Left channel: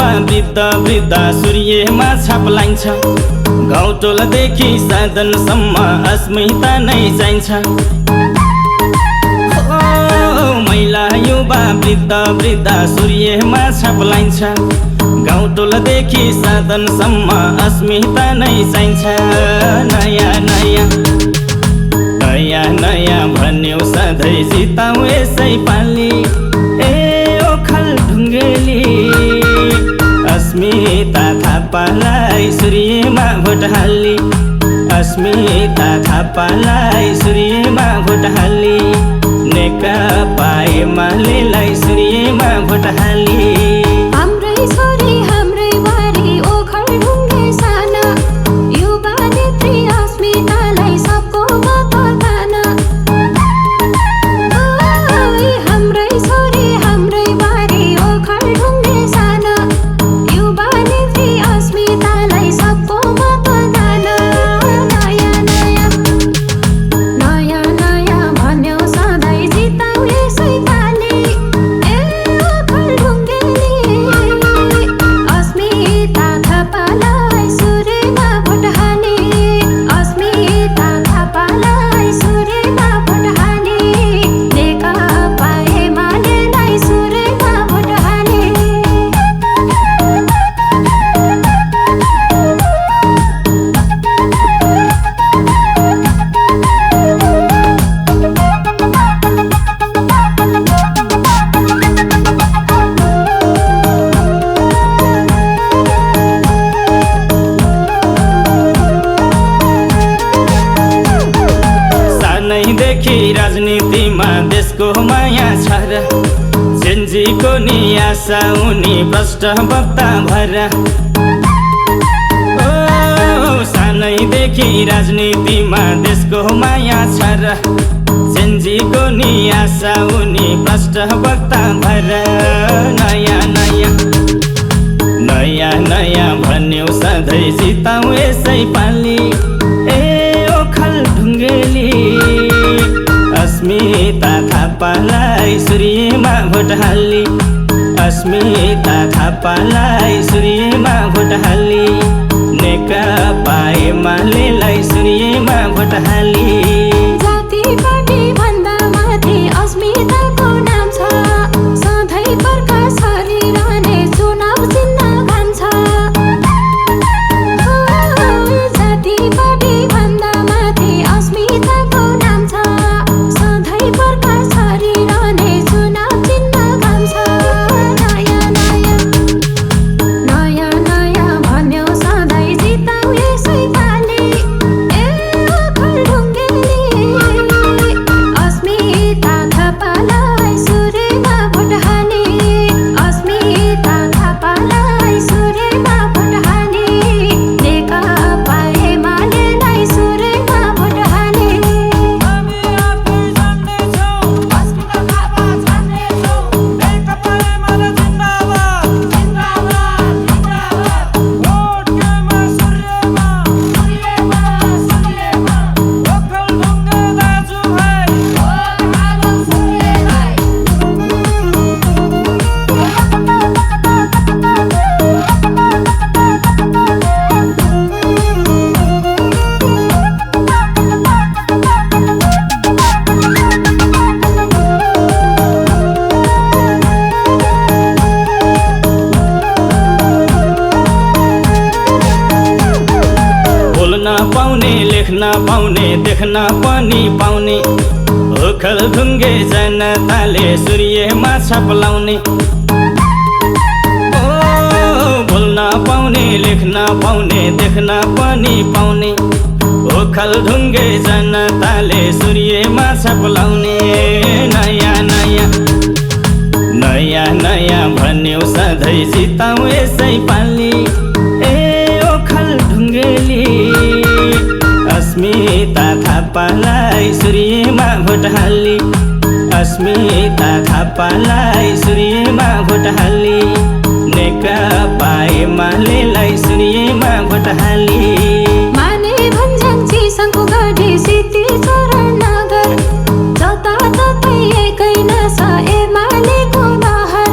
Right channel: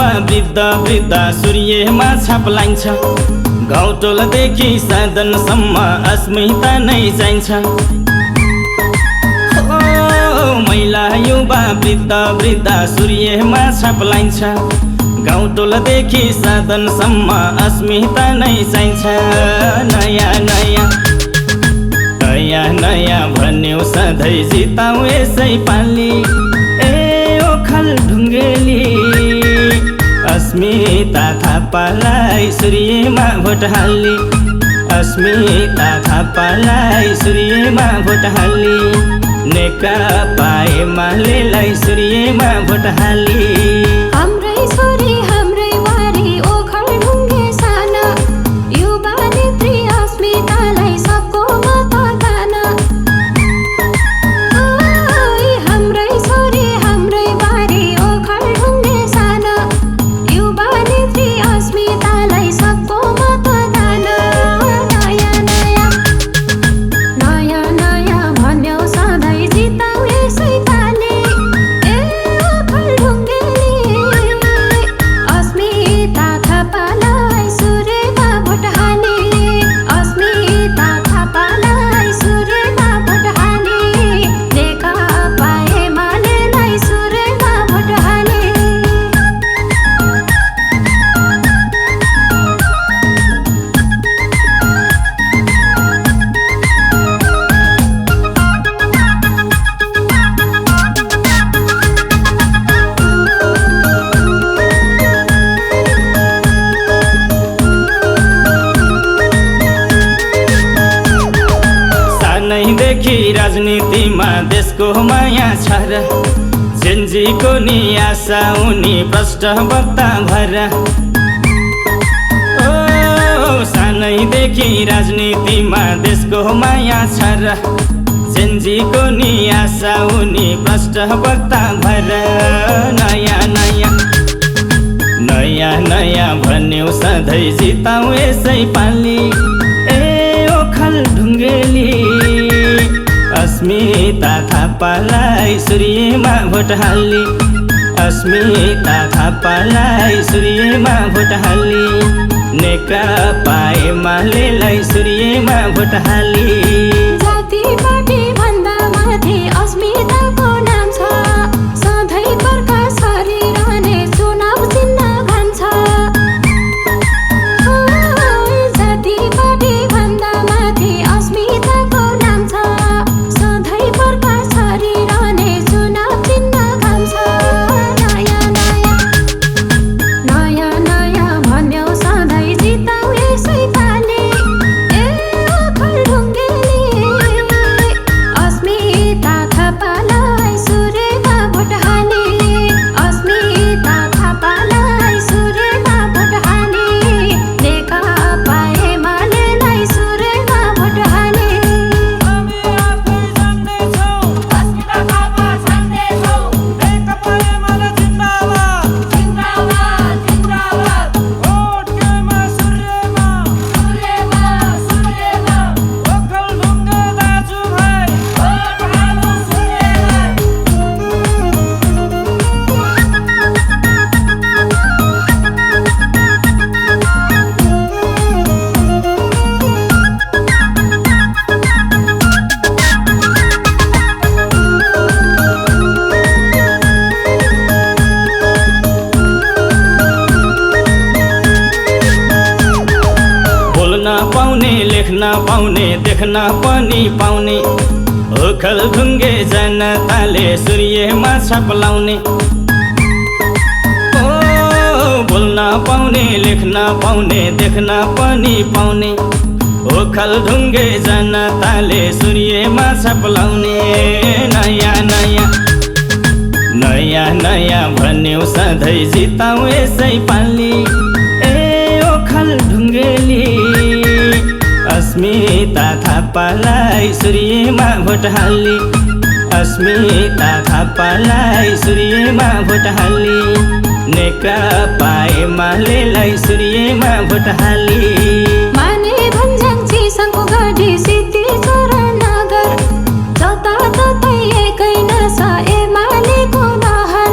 युवा वृद्ध वृद्ध सूर्यमा छाप लाइन्छ। गाउँटोलदेखि साधनसम्म अस्मिता नै चाहिन्छ। महिला युवा वृद्ध वृद्ध सूर्यमा छाप लाइन्छ। गाउँटोलदेखि साधनसम्म अस्मिता नै चाहिन्छ। नयाँ नयाँ नयाँ नयाँ भन्यो सधैँ जिताउ यसै पालि। ओखलढुङ्गेली अस्मिता थापालाई सूर्यमा भोट हाली। अस्मिता थापालाई सूर्यमा भोट हाली। नेकपा एमालेलाई सूर्यमा भोट हाली। हाम्रै छोरी हाम्रै बारी ओखलढुङ्गे साना युवा नेत्री अस्मितालाई सबको मतदान। हाम्रै छोरी हाम्रै बारी ओखलढुङ्गे साना युवा नेत्री अस्मितालाई सबको मतदान। नयाँ नयाँ नयाँ नयाँ भन्यो सधैँ जिताउ यसै पालि। ओखलढुङ्गेली अस्मिता थापालाई सूर्यमा भोट हाली। अस्मिता थापालाई सूर्यमा भोट हाली। नेकपा एमालेलाई सूर्यमा भोट हाली। सानैदेखि राजनीतिमा देशको माया छ र। जेन्जीको नि आशा उनी भ्रष्ट वक्ता भएर। सानैदेखि राजनीतिमा देशको माया छ र। जेन्जीको नि आशा उनी भ्रष्ट वक्ता भएर। नयाँ नयाँ नयाँ नयाँ भन्यो सधैँ जिताउ यसै पालि। ओखलढुङ्गेली अस्मिता थापालाई सूर्यमा भोट हाली। अस्मिता थापालाई सूर्यमा भोट हाली। नेकपा एमालेलाई सूर्यमा भोट हाली। जाति पार्टी भन्दा माथि अस्मिताको नाम छ। सधैँ प्रकाश गरिरहने चुनाव चिन्ह घाम छ। जाति पार्टी भन्दा माथि अस्मिताको नाम छ। सधैँ प्रकाश गरिरहने चुनाव चिन्ह घाम छ। नयाँ नयाँ नयाँ नयाँ भन्यो सधैँ जिताउ यसै पालि। ओखलढुङ्गेली अस्मिता थापालाई सूर्यमा भोट हाली। अस्मिता थापालाई सूर्यमा भोट हाली। नेकपा एमालेलाई सूर्यमा भोट हाली। बोल्न पाउने लेख्न पाउने देख्न पनि पाउने। ओखलढुङ्गे जनताले सूर्यमा छाप लाउने। बोल्न पाउने लेख्न पाउने देख्न पनि पाउने। ओखलढुङ्गे जनताले सूर्यमा छाप लाउने। नयाँ नयाँ नयाँ नयाँ भन्यो सधैँ जिताउ यसै पालि। ओखलढुङ्गेली अस्मिता थापालाई सूर्यमा भोट हाली। अस्मिता थापालाई सूर्यमा भोट हाली। नेकपा एमालेलाई सूर्यमा भोट हाली। माने भन्ज्याङ चिसाङको गढी सिद्धि चरण नगर। जताततै एकै नसा एमालेको लहर।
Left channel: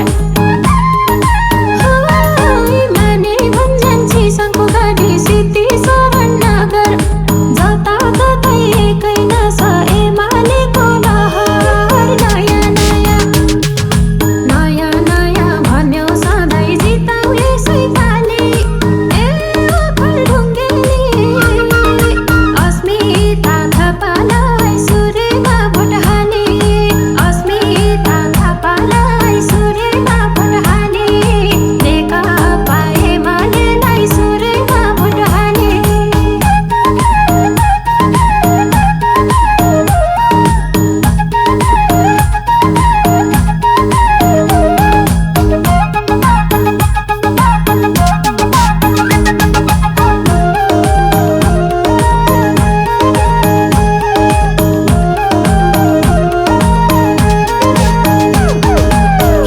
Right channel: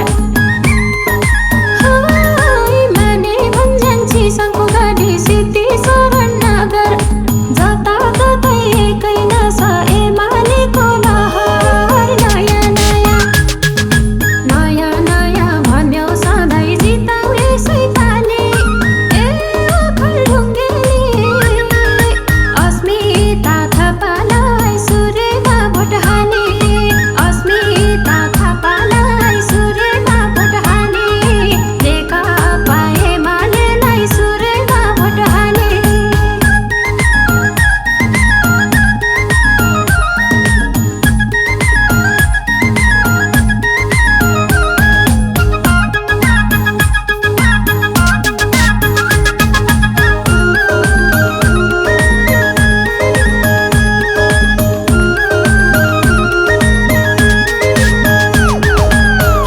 बाढी सिद्धि शरण नगर जताततै एकै नसा एमालेको लहर नयाँ नयाँ नयाँ नयाँ भन्यौ सधैँ जिताउ यसै पालि ए ओखलढुङ्गेली अस्मिता थापालाई सुरेमा भोट हाले अस्मिता थापालाई सुरेमा भोट हाले नेकपा एमालेलाई सुरेमा भोट हाले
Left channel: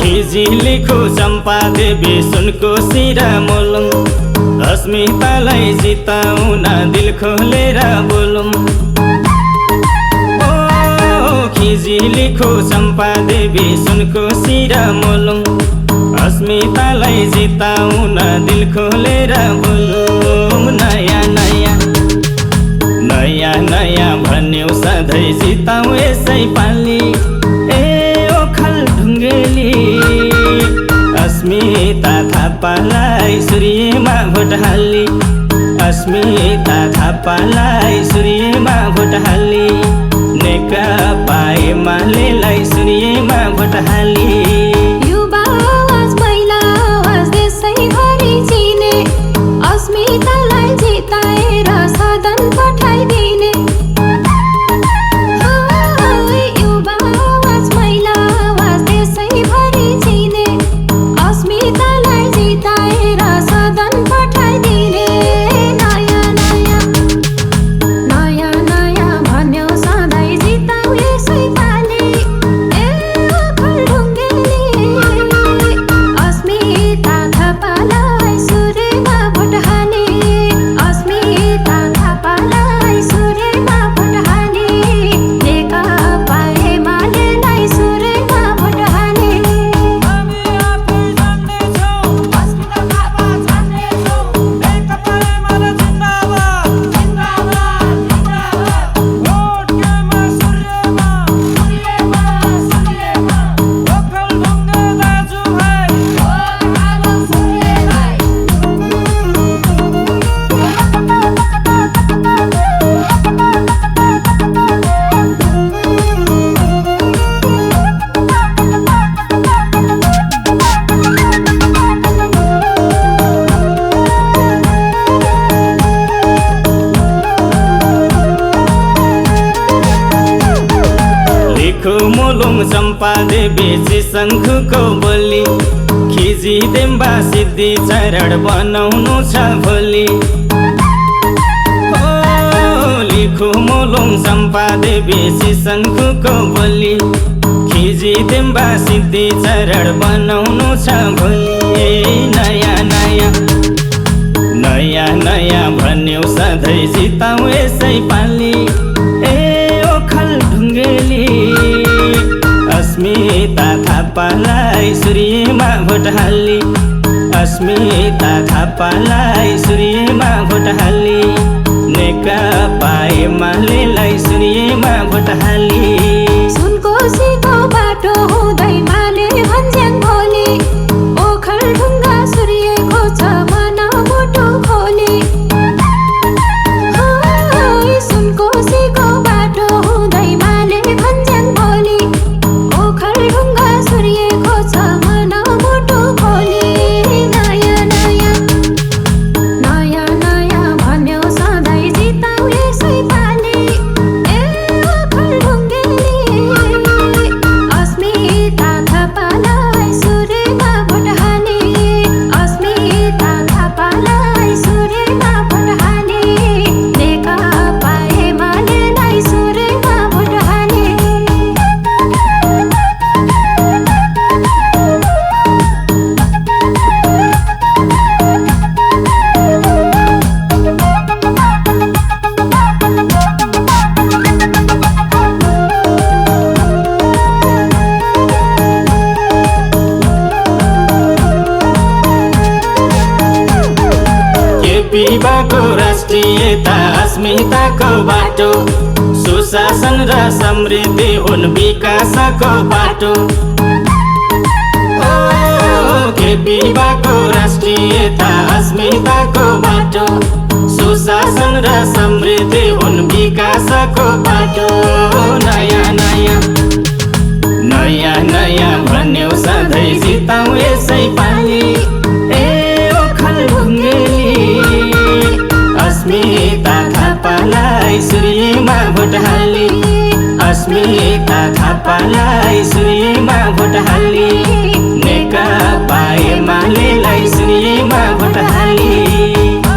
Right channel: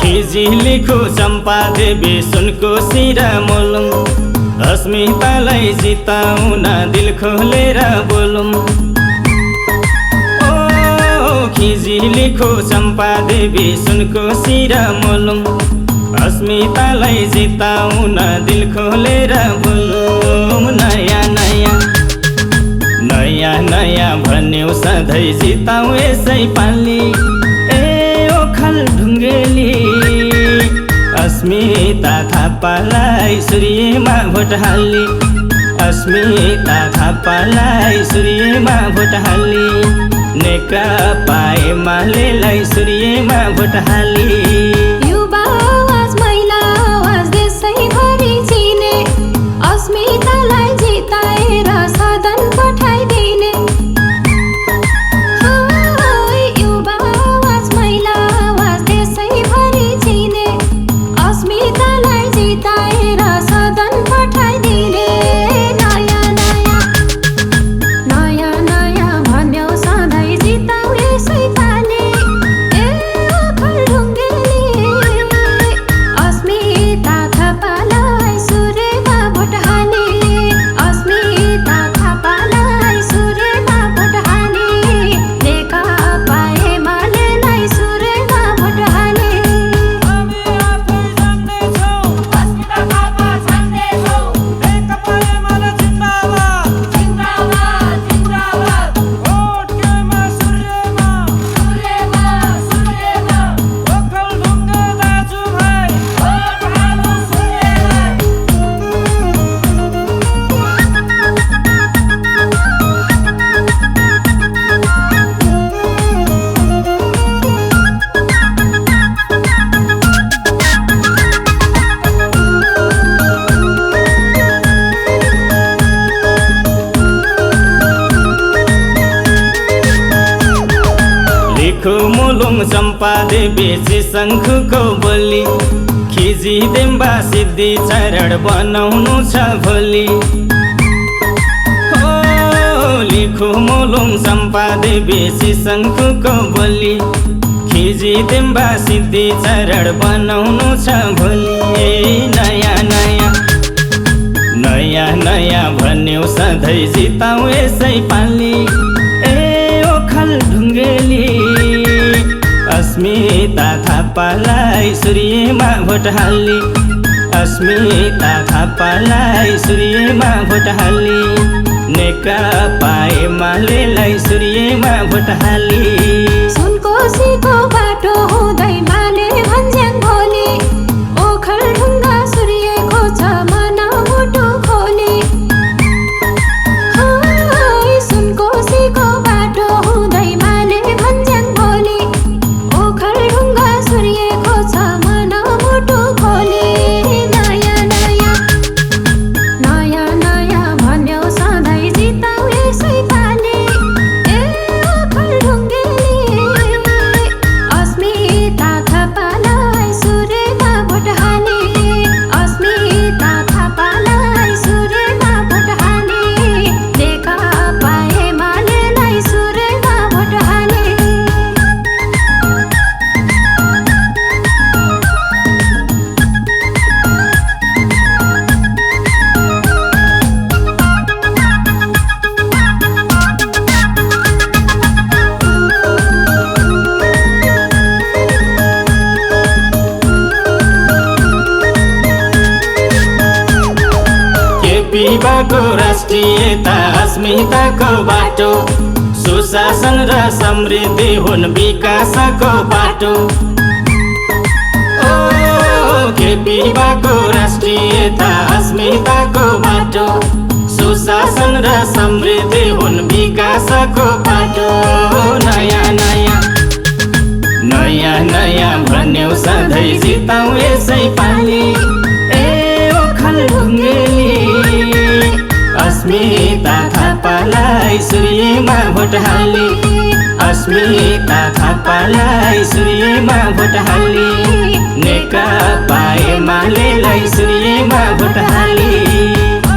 खिजी लेखो चम्पा देवी सुनको सिरा मोलुङ अस्मितालाई जिताउन दिल खोलेर बोलौँ ओ खिजी लेखो चम्पा देवी सुनको सिरा मोलुङ अस्मितालाई जिताउन दिल खोलेर बोलौँ नयाँ नयाँ नयाँ नयाँ भन्यौ सधैँ जिताउ यसै पालि ए ओखलढुङ्गेली अस्मिता थापालाई सूर्यमा भोट हाली अस्मिता थापालाई सूर्यमा भोट हाली नेकपा एमालेलाई सूर्यमा भोट हाली युवा आवाज महिला आवाज देशैभरि चिने अस्मितालाई जिताएर सदन पठाइदिने युवा आवाज महिला आवाज देशैभरि चिने अस्मितालाई जिताएर सदन पठाइदिने नयाँ नयाँ नयाँ नयाँ भन्यौ सधैँ जिताउ यसै पालि ए ओखलढुङ्गेली अस्मिता थापालाई सुरेमा भोट हाले अस्मिता थापालाई सुरेमा भोट हाले नेकपा एमालेलाई सुरेमा भोट हाले लेखो मोलुङ चम्पा देवी शङ्खुको बोली खिजी देम्बा सिद्धि चरण बनाउनु छ भोलि लेखो मोलुङ चम्पा देवी शङ्खुको बोली खिजी देम्बा सिद्धि चरण बनाउनु छ भोलि नयाँ नयाँ नयाँ नयाँ भन्यौ सधैँ जिताउ यसै पालि ए ओखलढुङ्गेली अस्मिता थापालाई सूर्यमा भोट हाली अस्मिता थापालाई सूर्यमा भोट हाली नेकपा एमालेलाई सूर्यमा भोट हाली सुनकोसीको बाटो हुँदै माले भन्ज्याङ भोलि ओखलढुङ्गा सूर्यको छ मन मोटो खोली सुनकोसीको बाटो हुँदै माले भन्ज्याङ भोलि ओखलढुङ्गा सूर्यको छ मन मोटो खोली नयाँ नयाँ नयाँ नयाँ भन्यौ सधैँ जिताउ यसै पालि ए ओखलढुङ्गेली अस्मिता थापालाई सुरेमा भोट हाले अस्मिता थापालाई सुरेमा केपीबाको राष्ट्रियता अस्मिताको बाटो सुशासन र समृद्धि हुन् विकासको बाटो केपीबाको राष्ट्रियता अस्मिताको बाटो सुशासन र समृद्धि हुन् विकासको बाटो नयाँ नयाँ नयाँ नयाँ भन्यौ सधैँ जिताउ यसै पालि ए ओखल ढुङ्गेली अस्मिता थापालाई सूर्यमा भोट हाली अस्मिता थापालाई सूर्यमा भोट हाली नेकपा एमालेलाई सूर्यमा भोट हाली